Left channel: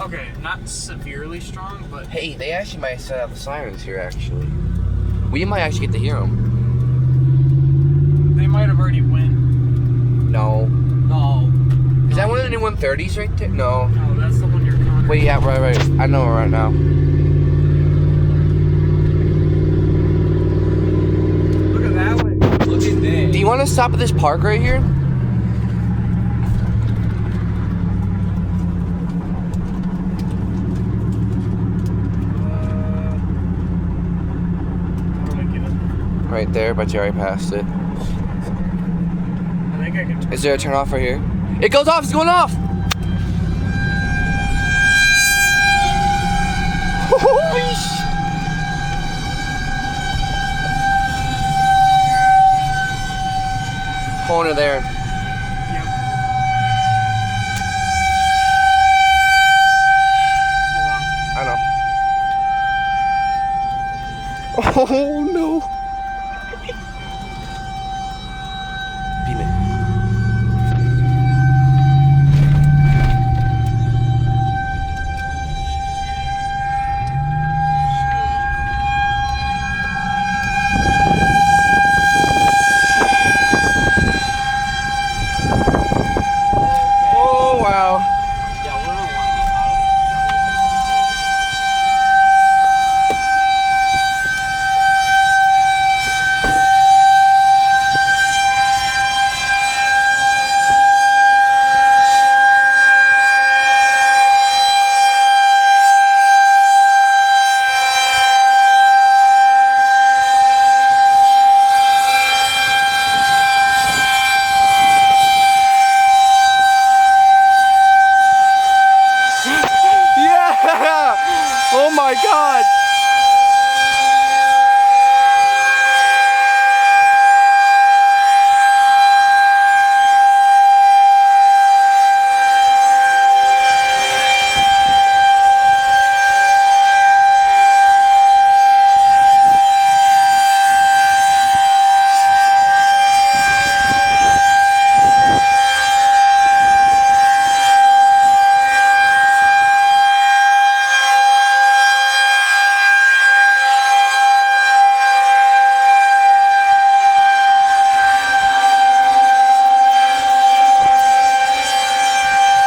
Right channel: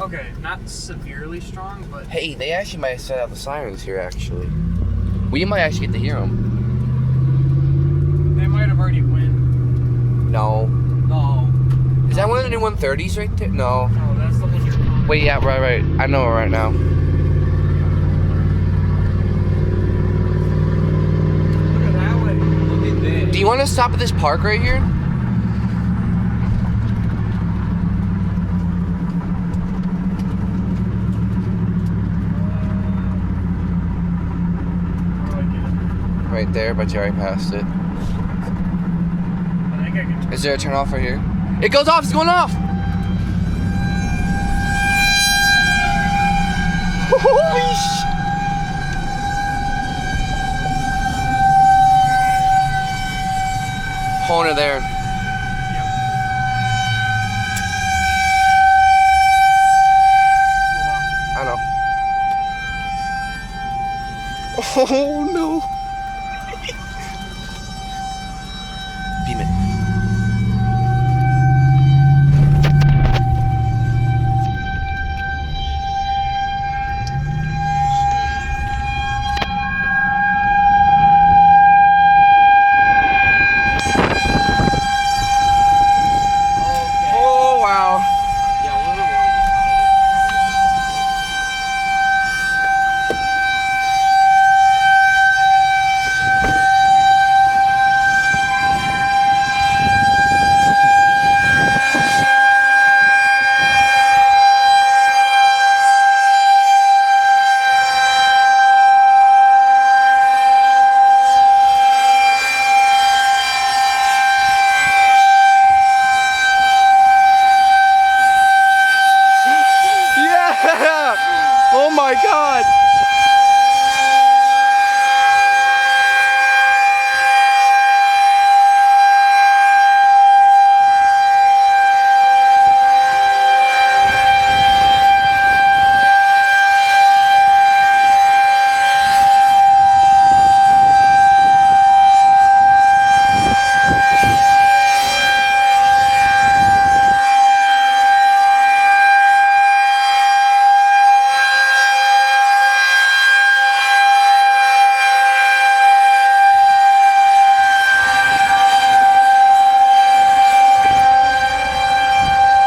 Okay, not severely strong, but... Hey, they actually might set up the sirens here, actually. We might actually get to hear them. They might have already went. No. No. Is that one of the new 130s right there? No. No, that's the one you're calling. Wait, yeah, right. I know it right now. Look at that way. Look at this. Do you want to stop at this park right here? Right there, but you already passed it. I think I can turn. Is there a turn off right here? It goes off! It's going off! Holy sh! Corner there. Yep. Hold on. I know. Oh no! Beam it. Oh wow. Yeah, we're not Oh my god!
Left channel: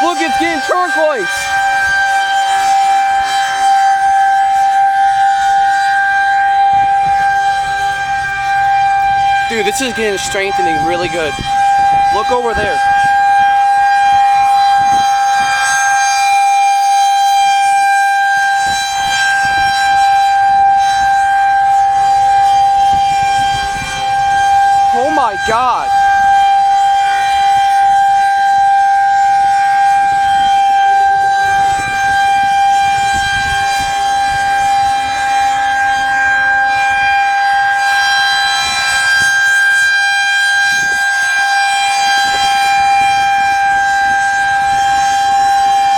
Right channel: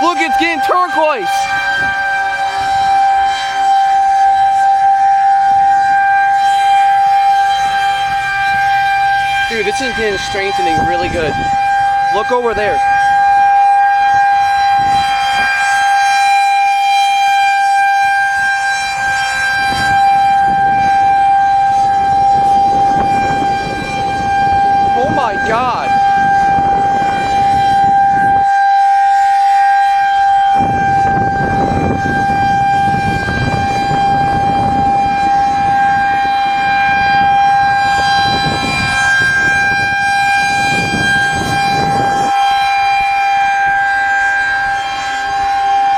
Look, it's getting turquoise! Dude, this is getting strengthening really good. Look over there. Oh my god!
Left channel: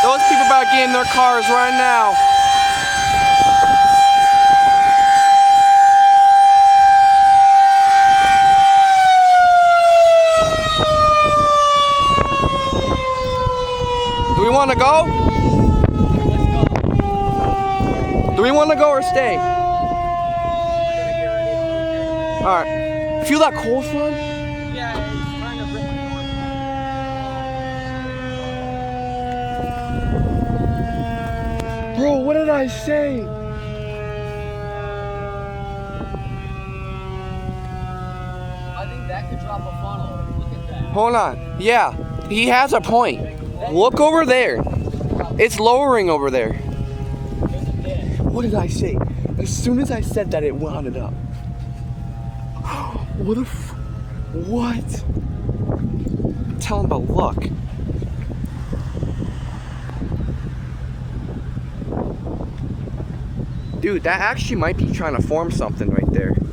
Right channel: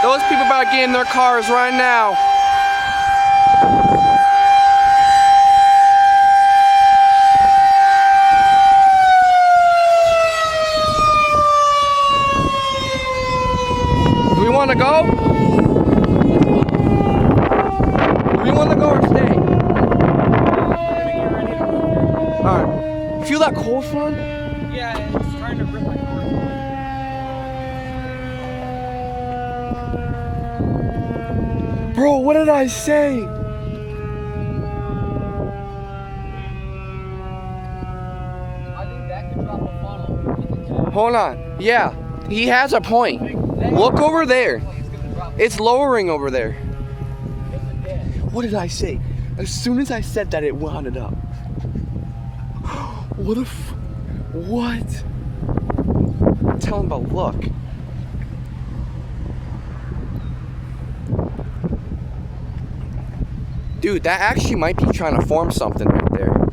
Those people about to get in their cars right now. Do we want to go? Do we want to go or stay? Alright. Feel that cold front? Yeah, it's trying to rip my cord. Bro, what did I say? I think that could drop a funnel. Look at that. Hold on. Yeah, he has a point. Look over there. It's lowering over there. What did I say? As soon as I said that, it wound up. What a what? Tell him about luck. Dude, that actually might be trying to form something right there.